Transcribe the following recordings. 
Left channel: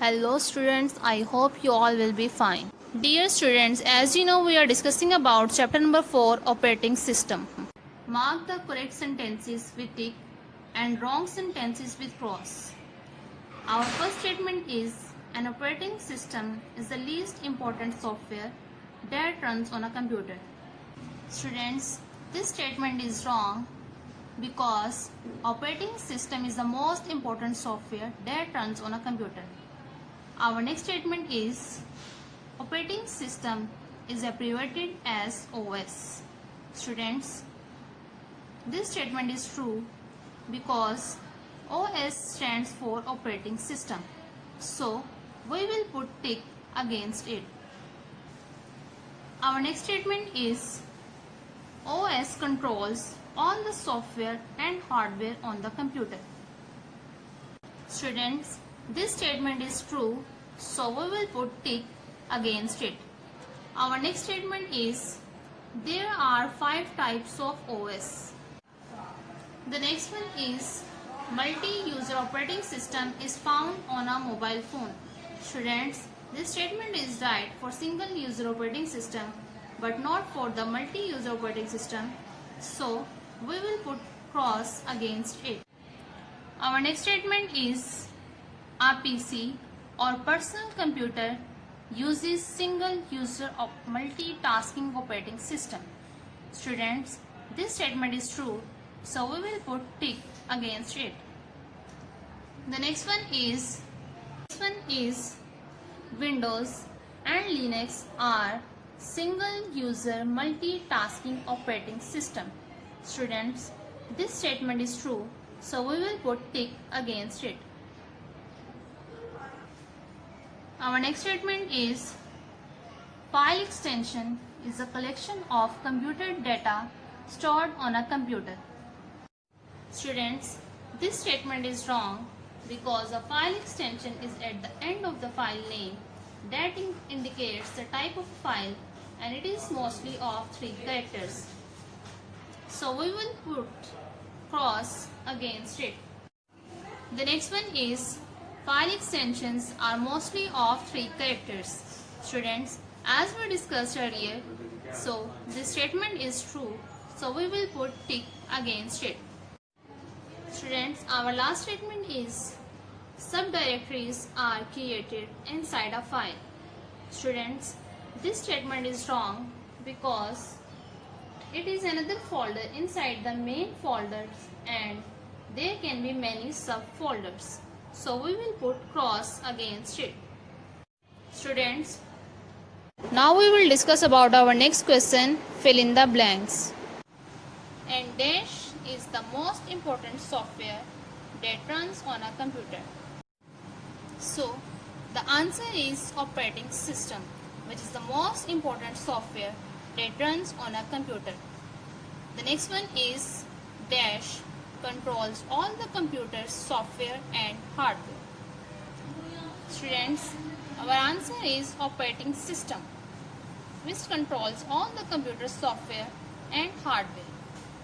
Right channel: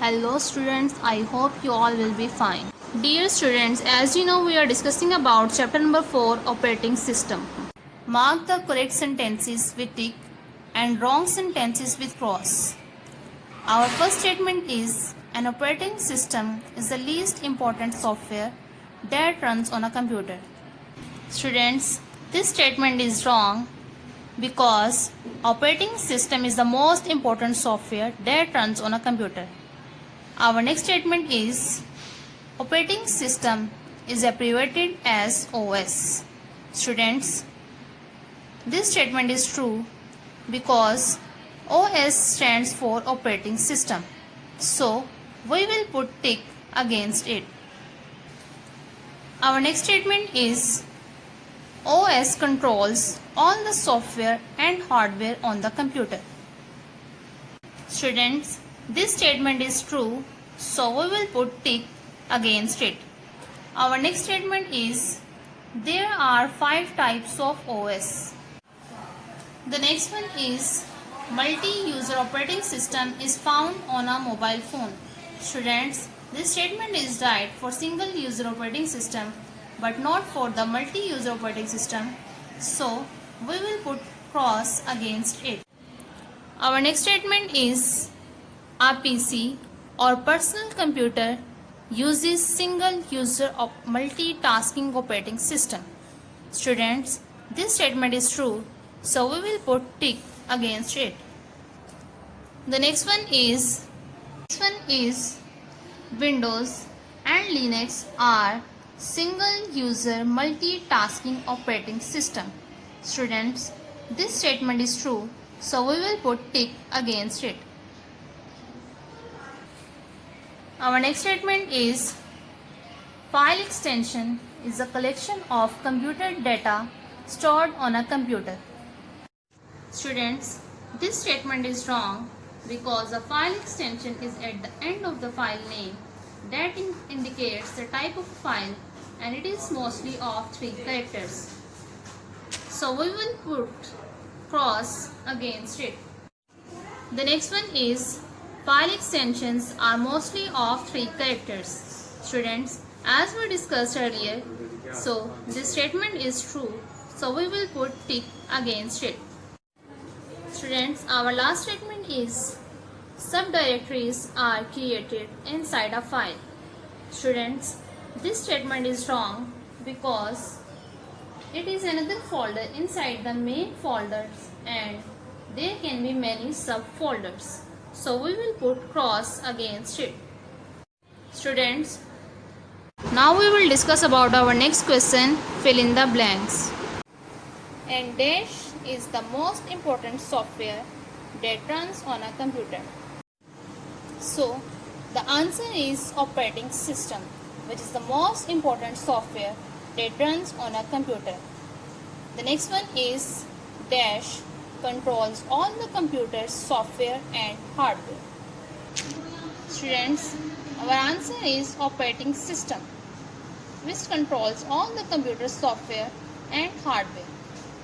Hello students, I hope you all will be fine. Dear students, as you know we are discussing about chapter number 4 operating system. Mark the correct sentences with tick and wrong sentences with cross. Our first statement is an operating system is the least important software that runs on a computer. Students, this statement is wrong because operating system is the most important software that runs on a computer. Our next statement is operating system is abbreviated as OS. Students, this statement is true because OS stands for operating system. So, we will put tick against it. Our next statement is OS controls all the software and hardware on the computer. Students, this statement is true, so we will put tick against it. Our next statement is there are 5 types of OS. The next one is multi-user operating system is found on a mobile phone. Students, this statement is right for single user operating system but not for the multi-user operating system, so we will put cross against it. Our next statement is a PC or personal computer uses single user multitasking operating system. Students, this statement is true, so we will put tick against it. The next one is Windows and Linux are single user multitasking operating system. Students, this statement is true, so we will put tick against it. Our next statement is file extension is a collection of computer data stored on a computer. Students, this statement is wrong because a file extension is at the end of the file name that indicates the type of file and it is mostly of 3 characters. So we will put cross against it. The next one is file extensions are mostly of 3 characters. Students, as we discussed earlier, so this statement is true, so we will put tick against it. Students, our last statement is subdirectories are created inside a file. Students, this statement is wrong because it is another folder inside the main folders and there can be many subfolders. So we will put cross against it. Students, now we will discuss about our next question, fill in the blanks. And dash is the most important software that runs on a computer. So the answer is operating system, which is the most important software that runs on a computer. The next one is dash controls all the computer's software and hardware. Students, our answer is operating system, which controls all the computer's software and hardware.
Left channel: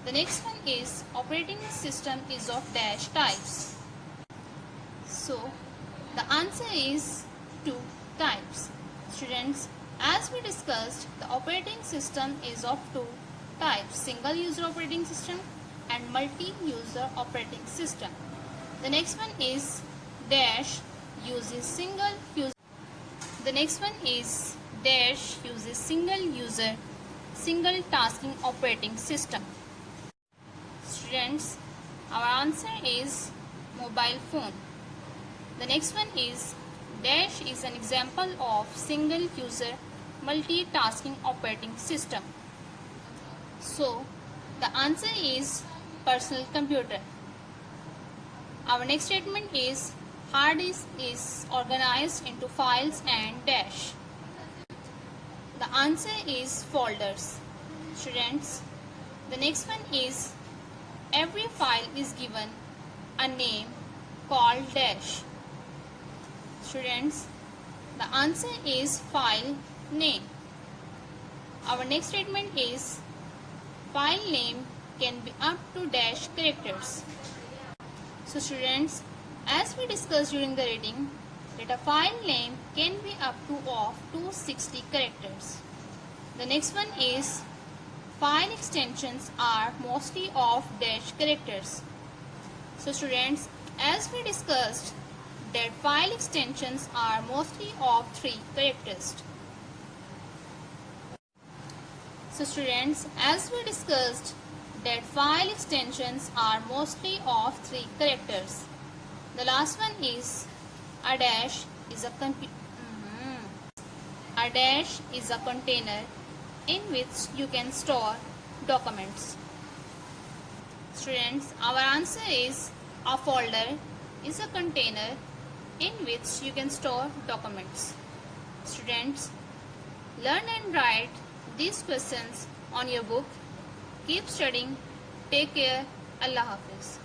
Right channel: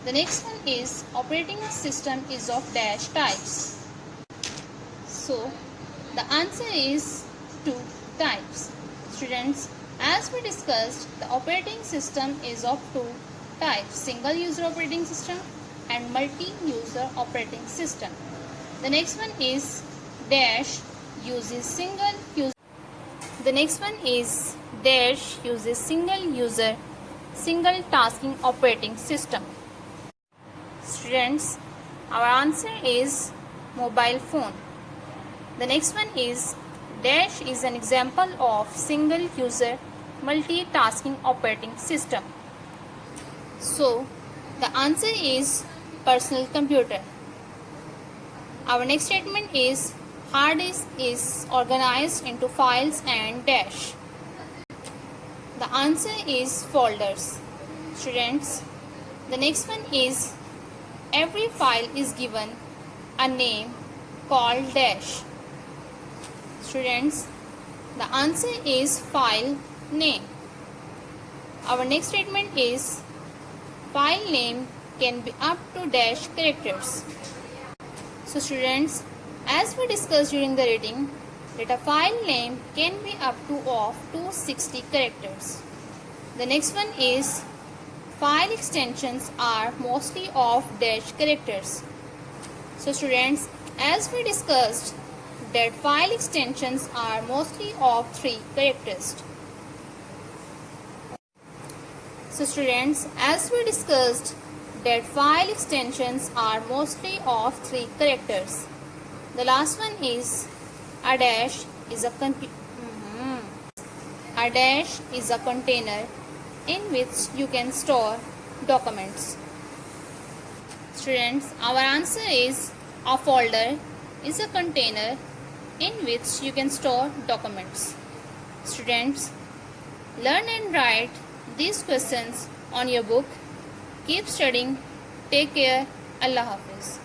The next one is operating system is of dash types. So the answer is 2 types. Students, as we discussed, the operating system is of 2 types, single user operating system and multi-user operating system. The next one is dash uses single user. The next one is dash uses single user single tasking operating system. Students, our answer is mobile phone. The next one is dash is an example of single user multitasking operating system. So the answer is personal computer. Our next statement is hard disk is organized into files and dash. The answer is folders. Students, the next one is every file is given a name called dash. Students, the answer is file name. Our next statement is file name can be up to dash characters. So students, as we discussed during the reading, that a file name can be up to of 260 characters. The next one is file extensions are mostly of dash characters. So students, as we discussed that file extensions are mostly of 3 characters. So students, as we discussed that file extensions are mostly of 3 characters. The last one is a dash is a container in which you can store documents. Students, our answer is a folder is a container in which you can store documents. Students, learn and write these questions on your book. Keep studying. Take care. Allah Hafiz.